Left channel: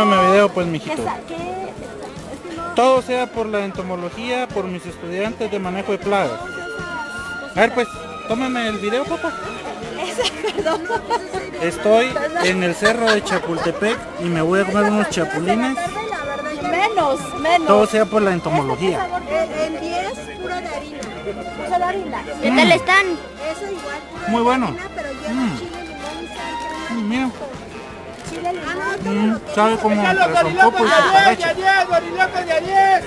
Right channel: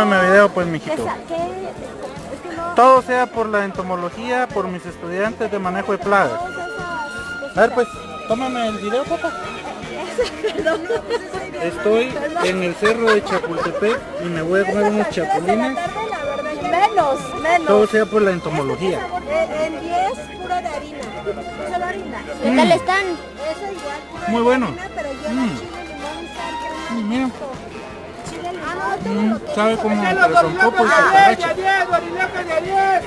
Tómame video pues, mijito. ¿Qué? Es que no... Todo sea por la entomología, por mis estudiantes de manejo de plagas. Todas esas A ver pues, tómame el video, papá. Perdón. Estoy en el cerro de Chapultepec y me voy a comer unos chapulines. Menos. Todo sea por la entomología. En 10 pura de harina. Solo harina. ¿Qué tal están? Eso igual. Muy bueno. Pero yo chile, limón, Mira, chile, limón. sabe como el rompopo y chocolate. ¡Ya, Diego! ¡Diego, ya,